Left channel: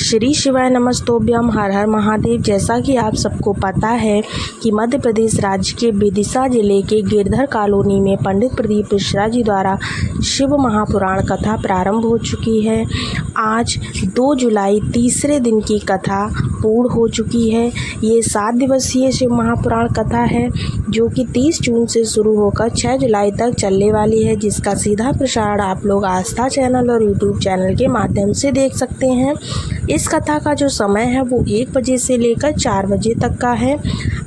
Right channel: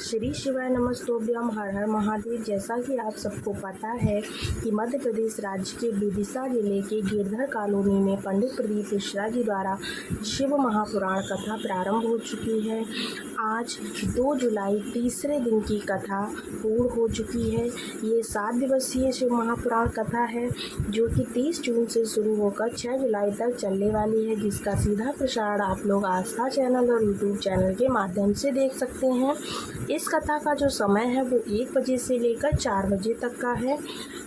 श्री शिवाय नमस्तोभ्यम, हर हर महादेव। जैसा कि आप सबको पता है कि मध्य प्रदेश राज्य के विदिशा जिले के गिरधर कॉलोनी में पंडित प्रदीप मिश्रा जी द्वारा शिव महापुराण कथा प्रारंभ हो चुकी है। आज 2 जुलाई तीसरे दिन की कथा पूर्ण हो चुकी है। ये 7 दिवसीय शिव महापुराण कथा है जो कि 30 जून से शुरू होकर 6 जुलाई तक चलने वाली है, जिसका सीधा प्रसारण आप लोग आस्था चैनल और यूट्यूब चैनल के माध्यम से देख सकते हैं। इस कथा का जो समय है वो 1 बजे से लेकर 4 बजे तक का है।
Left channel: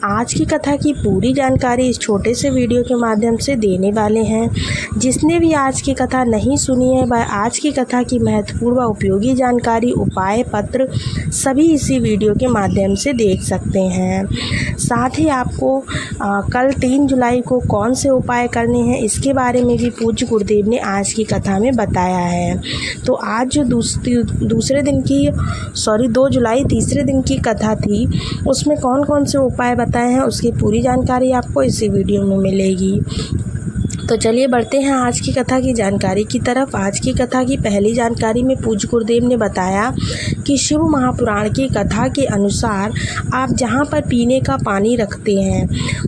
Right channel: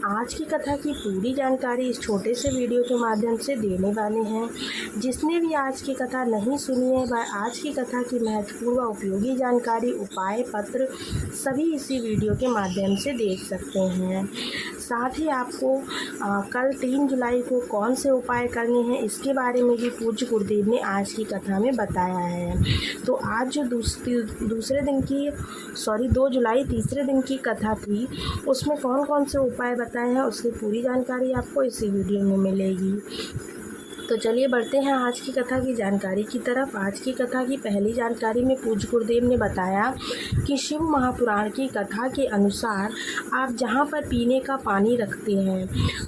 आज की कथा की पूरी जानकारी इस छोटे से वीडियो के माध्यम से देने वाले हैं। जिसने भी आज की कथा नहीं सुनी है वह आज की कथा की महत्वपूर्ण व उपयोगी जानकारी, उपाय पत्र सभी इसी वीडियो के माध्यम से देख सकते हैं। साथ ही आपको कल 3 जुलाई को कौन से उपाय करने हैं इसके बारे में भी पूज्य गुरुदेव ने आज की कथा में बताया है। तो आज जो 2 जुलाई तीसरे दिन की कथा थी उसमें कौन कौन से उपाय बताए हैं उसकी पूरी जानकारी आपको इसी वीडियो में मिलेगी। तो चलिए बढ़ते हैं आज की कथा की जानकारी की तरफ। आज की कथा की पहली जानकारी में पूज्य गुरुदेव ने बताया कि शिव महापुराण की कथा के अनुसार आप जहाँ पर पीने का पानी रखते हैं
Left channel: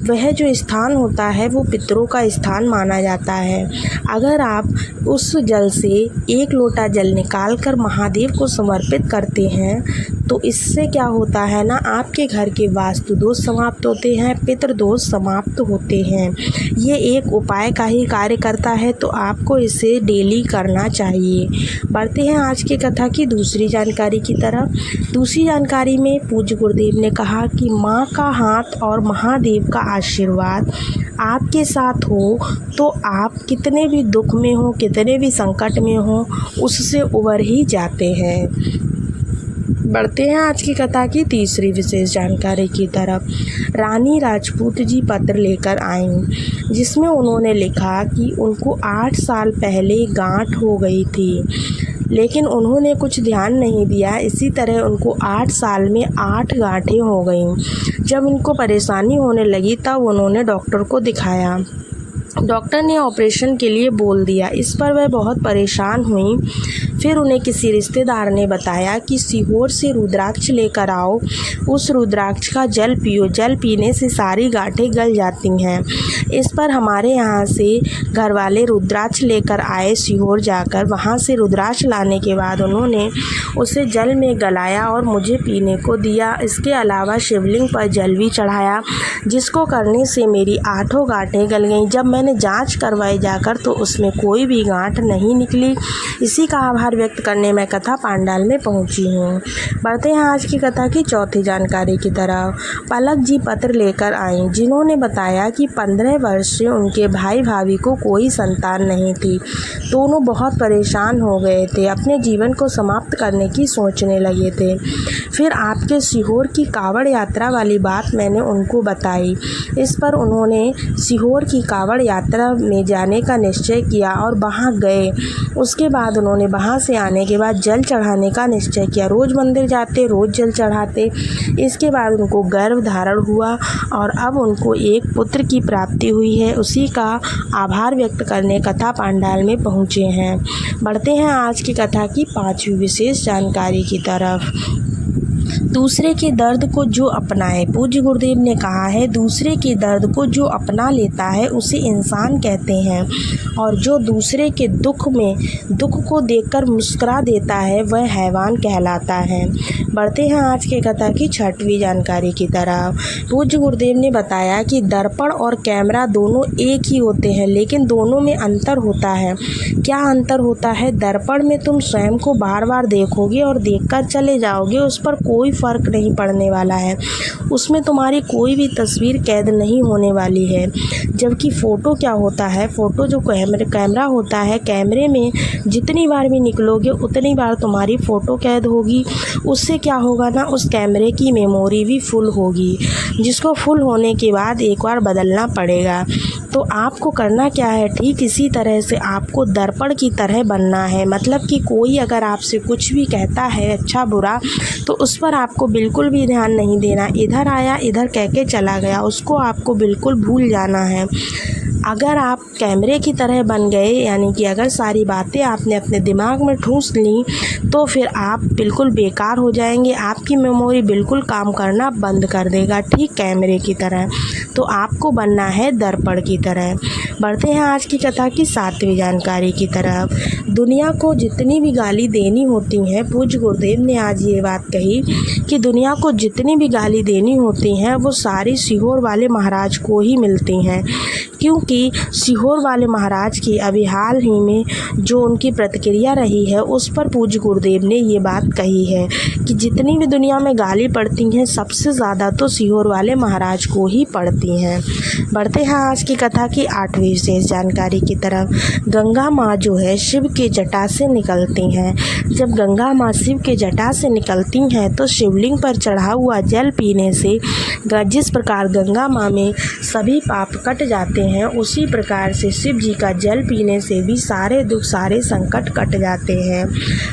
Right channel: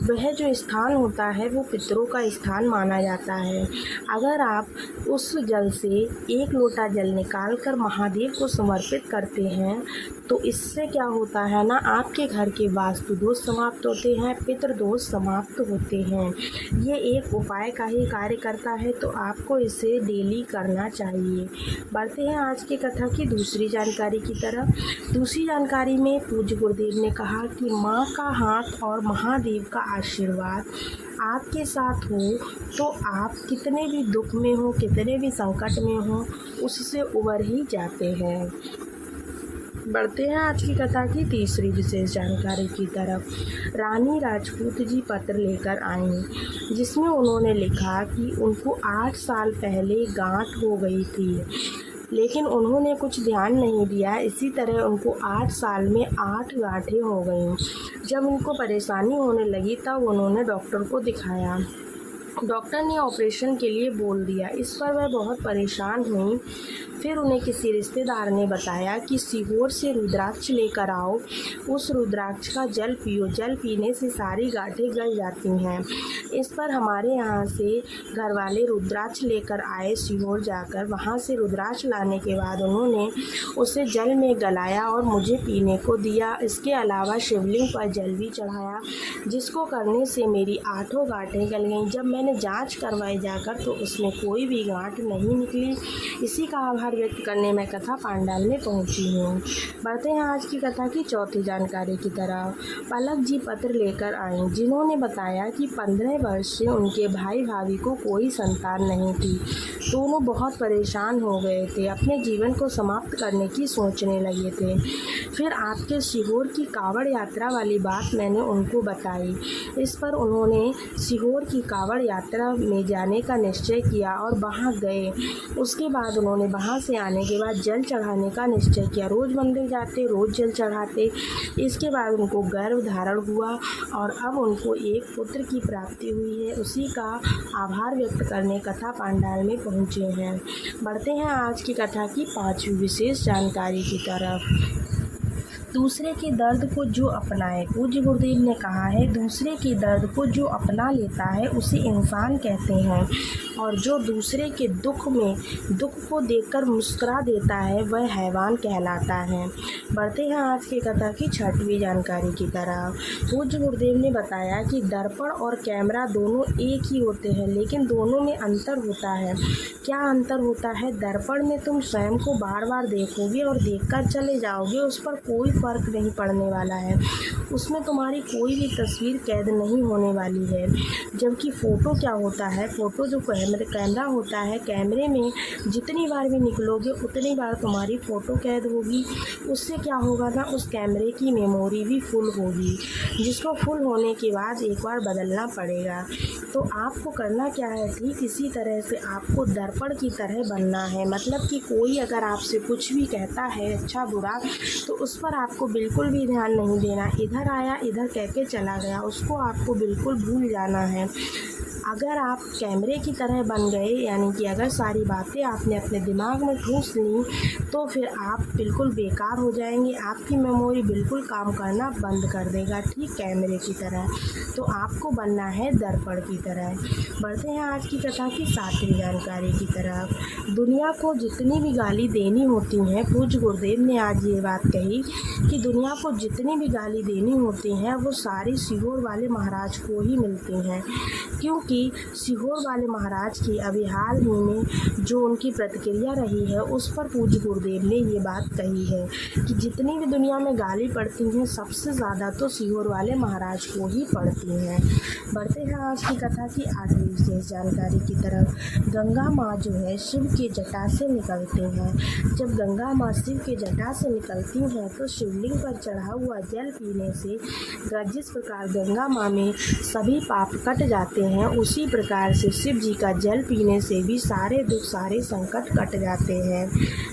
वह जो स्थान होता है वो पितरों का स्थान माना जाता है। अगर आप उस जल से 1 लोटा जल निकाल कर महादेव को समर्पित करते हैं तो इससे क्या होता है ना, आपके घर के वास्तु दोष समाप्त होते हैं, पितृ दोष समाप्त होते हैं। ये एक उपाय का ही कार्य करता है, तो आपको इसे डेली करना चाहिए। बढ़ते हैं आज की कथा की दूसरी जानकारी की तरफ। दूसरी जानकारी में पूज्य गुरुदेव ने कहा कि माँ का हाथ और महादेव का आशीर्वाद आपके साथ हो तो आप कितने भी दुख में हो, कितने भी संकट में हो, उससे उबर ही जाते हैं। बढ़ते हैं आज की कथा की तीसरी विशेष जानकारी की तरफ। रानी राजपूत जी पत्र लेकर आईं जिसमें उन्होंने लिखा कि उनको 8 साल पहले गांठ हो गई थी, लेकिन उन्होंने कुछ ध्यान नहीं दिया। इसी तरह उनको 8 साल में 8 गांठें हो गईं। जब उनको परेशानी होने लगी तब उन्होंने डॉक्टर को दिखाया। डॉक्टर ने ऑपरेशन के लिए बोल दिया। इस पर वह बहुत परेशान हुई। फिर उन्हें किसी रिश्तेदार ने बताया कि सीहोर से रुद्राक्ष लेकर आओ, उस रुद्राक्ष का जल पियो, जल पीने से सारी गांठें गल जाती हैं। इस पर हमारे यहाँ से घर वाले रुद्राक्ष लेकर आए सीहोर जाकर। वहाँ से रुद्राक्ष लाने के बाद उन्होंने उसे जल में गलाया और मुझे पीने को दिया। इसके अलावा शिवलिंग पर जल भी चढ़ाया, जिसको करने से मेरी 8 गांठें गल गईं। जब मैंने जांच करवाई जाकर तो उसमें कोई भी गांठ नहीं निकली। इसी का आभार व्यक्त करने मैं कथा पांडाल में पहुंची हूँ। बढ़ते हैं आज की कथा की चौथी जानकारी की तरफ। पलक जी पत्र लेकर आईं जिन्होंने बताया कि 15 वर्ष से उनके भाई भाभी को कोई संतान नहीं थी। दोनों बहुत परेशान हो गए थे, अपने जीवन को समाप्त करने की सोचने लगे थे। फिर आपके सीहोर की कावड़ यात्रा वाली बात मैंने उनको बताई। इस पर उन्होंने सीहोर की कावड़ यात्रा में जाने का निश्चय किया और वहाँ गए। उसके बाद उन्होंने वहाँ से आने के बाद जल चढ़ाने का निश्चय किया। रोज़ मंदिर जाते, रोज़ जल चढ़ाते। इसके बाद उनको गर्भ धारण हुआ और अब उनको एक पुत्र की प्राप्ति हुई है। उसी का आभार व्यक्त करने कथा पांडाल में पहुँचे हैं। बढ़ते हैं आज की कथा की 5वीं विशेष जानकारी की तरफ। दूसरे के दर्द को जो अपनाए, पूज्य गुरुदेव ने कहा है दूसरे के दर्द को जो अपना लेता है उसे इंसान कहते हैं, और जो दूसरे के दुख को देखकर मुस्कुरा देता है वह हैवान कहलाता है। बढ़ते हैं आज के कथा की 6वीं जानकारी की तरफ। पूज्य गुरुदेव ने बताया कि दर्पण और कैमरा दोनों एक ही होते हैं, लेकिन दोनों में अंतर होता है। क्या अंतर होता है? दर्पण में तुम स्वयं को बार बार देखोगे और देखकर चले जाओगे, उस पर कोई फ़र्क नहीं पड़ने वाला है, उसमें तुम्हारी कोई भी तस्वीर कैद नहीं होने वाली है। जबकि फ़ोटो क्या होता है? फ़ोटो जो कैमरा होता है, कैमरे में जितनी बार भी निकलोगे उतनी बार तुम्हारी फ़ोटो कैद होगी। उससे क्या होगा ना, उस कैमरे की मेमोरी भी फुल होगी, जिसको फुल होने के बाद एक बार बदलना पड़ेगा। तो आपको करना क्या है, ठीक इसी तरह से आपको दर्पण की तरह बनना है। मतलब कि कोई अगर आपसे कुछ भी कहता है अच्छा बुरा तो उस पर आपको बिल्कुल भी ध्यान नहीं देना। इधर आया इधर कह के चला गया, उसको आपको बिल्कुल भूल जाना है। अगर आप कैमरे की तरह बन गए, यानी कि अगर सारी बातें आपने अपने दिमाग में ठूंस ली, तो फिर आप बिल्कुल बेकार हो जाएंगे। आपकी मेमोरी बिल्कुल काम करना बंद कर देगा, ठीक कैमरे की तरह। तो आपको बनना है दर्पण की तरह। बढ़ते हैं आज की कथा की 7वीं जानकारी की तरफ। दुनिया को जितनी भी गाली देनी होती हैं, पूज्य गुरुदेव ने आज ये बात कही कि दुनिया को जितनी भी गाली देनी होती हैं वो सारी सीहोर वाले महाराज को ही मिलती हैं, क्योंकि सीहोर वाले महाराज की अभी हाल ही में जो उनकी प्रतिक्रिया रही है उस पर पूज्य गुरुदेव ने ये बात कही है कि जितनी भी दुनिया में गाली पड़ती हैं सबसे ज़्यादा तो सीहोर वाले महाराज को ही पड़ती हैं। बढ़ते हैं आज की कथा की 8वीं विशेष जानकारी की तरफ। गंगा माँ जो है शिव के जटा से निकलती हैं। जब गंगा माँ शिव के जटा से निकलती हैं तो शिवलिंग पर चढ़ा हुआ जल पीने से जिस प्रकार गंगा माँ में सभी पाप कट जाते हैं, उसी प्रकार से शिव जी का जल पीने से भी सारे दुख सारे संकट कट जाते हैं।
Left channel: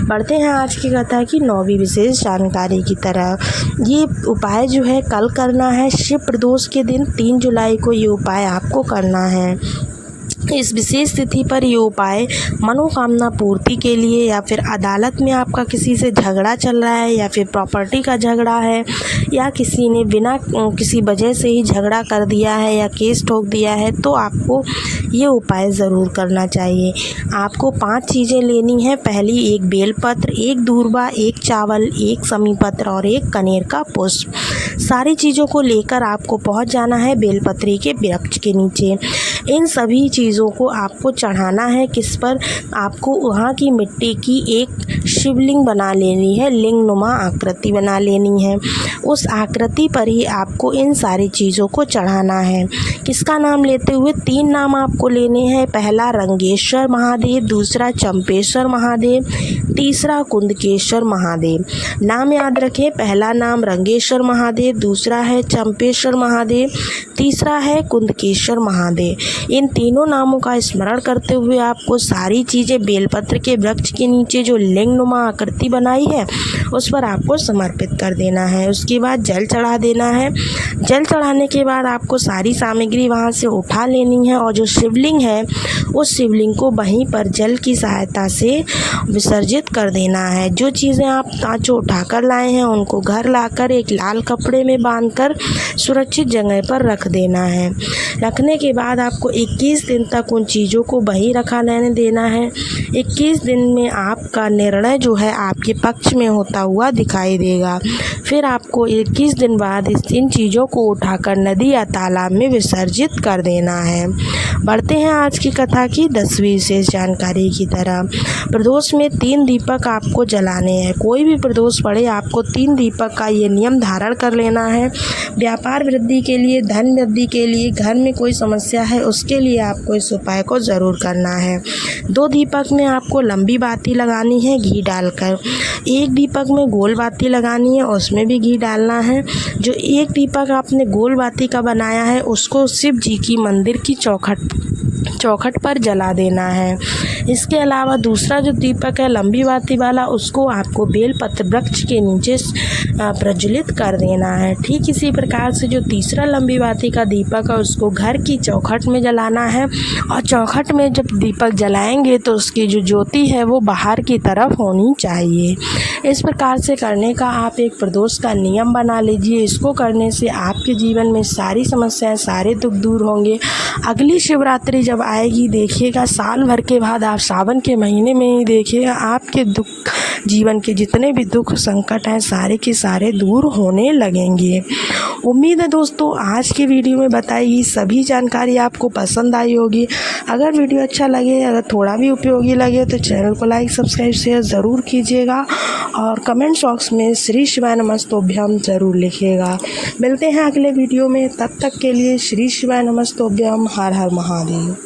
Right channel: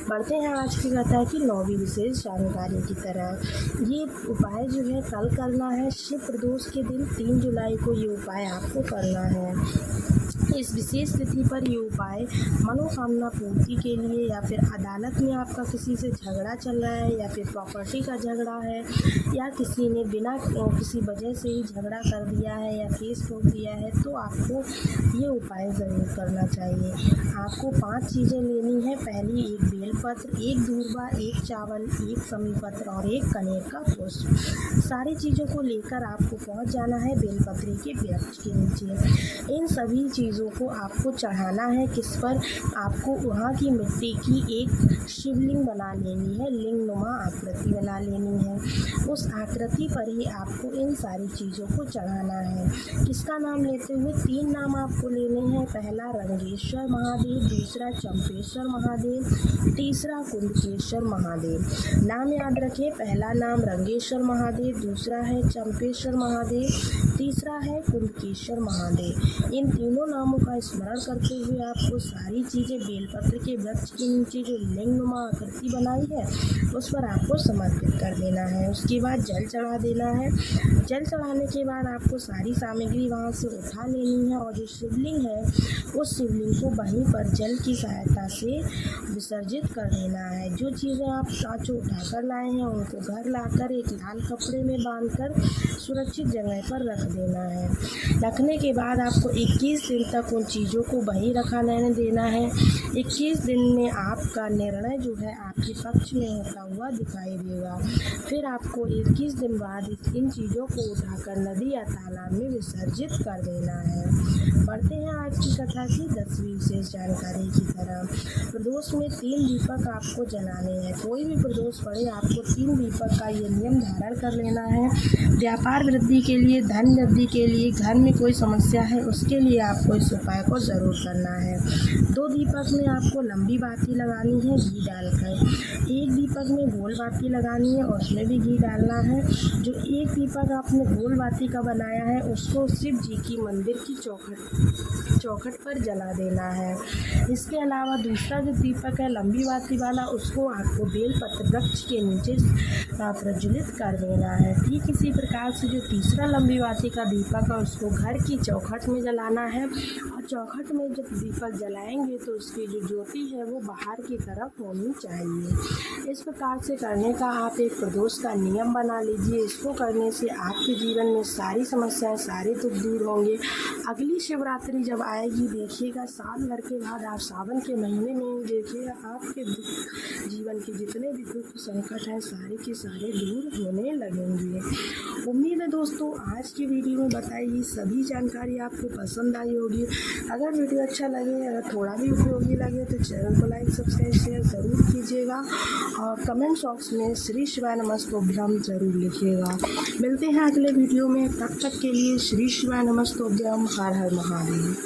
बढ़ते हैं आज की कथा की 9वीं विशेष जानकारी की तरफ। ये उपाय जो है कल करना है, शिव प्रदोष के दिन 3 जुलाई को ये उपाय आपको करना है। इस विशेष तिथि पर ये उपाय मनोकामना पूर्ति के लिए, या फिर अदालत में आपका किसी से झगड़ा चल रहा है, या फिर प्रॉपर्टी का झगड़ा है, या किसी ने बिना किसी वजह से ही झगड़ा कर दिया है या केस ठोक दिया है, तो आपको ये उपाय ज़रूर करना चाहिए। आपको 5 चीज़ें लेनी है। पहली, एक बेलपत्र, एक दूर्वा, एक चावल, एक समीपत्र और एक कनेर का पुष्प। सारी चीज़ों को लेकर आपको पहुंच जाना है बेलपत्री के वृक्ष के नीचे। इन सभी चीज़ों को आपको चढ़ाना है। किस पर? आपको वहाँ की मिट्टी की एक शिवलिंग बना लेनी है, लिंग नुमा आकृति बना लेनी है। उस आकृति पर ही आपको इन सारी चीज़ों को चढ़ाना है। किसका नाम लेते हुए? 3 नाम आपको लेने हैं। पहला रंगेश्वर महादेव, दूसरा चंपेश्वर महादेव, तीसरा कुंदकेश्वर महादेव। नाम याद रखें, पहला नाम रंगेश्वर महादेव, दूसरा है चंपेश्वर महादेव, तीसरा है कुंदकेश्वर महादेव। इन तीनों नामों का स्मरण करते हुए आपको सारी चीज़ें बेलपत्र के वृक्ष के नीचे जो लिंग नुमा आकृति बनाई है उस पर आपको समर्पित कर देना है। उसके बाद जल चढ़ा देना है। जल चढ़ाने के बाद आपको सारी सामग्री वहाँ से उठा लेनी है और जो शिवलिंग है उस शिवलिंग को वहीं पर जल की सहायता से विसर्जित कर देना है। जो चीज़ें आप तांचो उठाकर लाए हैं उनको घर लाकर एक लाल कपड़े में बांधकर सुरक्षित जगह पर रख देना है। रखने के बाद आपको 21 दिन तक उन चीज़ों को वहीं रखा रहने देना है। 21 दिन में आपका निर्णय जो है आपके पक्ष में होता हुआ दिखाई देगा। फिर आपको 21 दिन बाद इन चीज़ों को उठाकर नदी या तालाब में विसर्जित कर देना है। बढ़ते हैं आज की कथा की 10वीं विशेष जानकारी की तरफ। प्रदोष में 3 दीपक आपको जलाने हैं। कोई भी प्रदोष पड़े आपको 3 दीपक का ये नियम धारण कर लेना है। व्यापार वृद्धि के लिए, धन वृद्धि के लिए, घर में कोई समस्या है उसके लिए आपको इस उपाय को ज़रूर करना है। 2 दीपक में आपको लंबी बाती लगानी है घी डालकर। 1 दीपक में गोल बाती लगानी है, उसमें भी घी डालना है। जो 1 दीपक आपने गोल बाती का बनाया है उसको शिव जी की मंदिर की चौखट पर जला देना है। इसके अलावा दूसरा जो दीपक है लंबी बाती वाला, उसको आपको बेलपत्र वृक्ष के नीचे प्रज्वलित कर देना है। ठीक इसी प्रकार से जो तीसरा लंबी बाती का दीपक है उसको घर की चौखट में जलाना है, और चौखट में जब दीपक जलाएंगे तो उसकी जो ज्योति है वो बाहर की तरफ होनी चाहिए। इस प्रकार से करने का आप एक प्रदोष का नियम बना लीजिए। इसको करने से आपके जीवन में सारी समस्याएं, सारे दुख दूर होंगे। अगली शिवरात्रि जब आएगी देखिएगा, साल भर के बाद आप सावन के महीने में ही देखिएगा आपके दुख, जीवन के जितने भी दुख संकट हैं सारे के सारे दूर होने लगेंगे। उम्मीद है दोस्तों आज की वीडियो में बताई सभी जानकारी आपको पसंद आई होगी। अगर वीडियो अच्छा लगे, अगर थोड़ा भी उपयोगी लगे तो चैनल को लाइक, सब्सक्राइब, शेयर ज़रूर कीजिएगा और कमेंट बॉक्स में श्री शिवाय नमस्तोभ्यम ज़रूर लिखिएगा। मिलते हैं अगले वीडियो में, तब तक के लिए श्री शिवाय नमस्तोभ्यम। हर हर महादेव।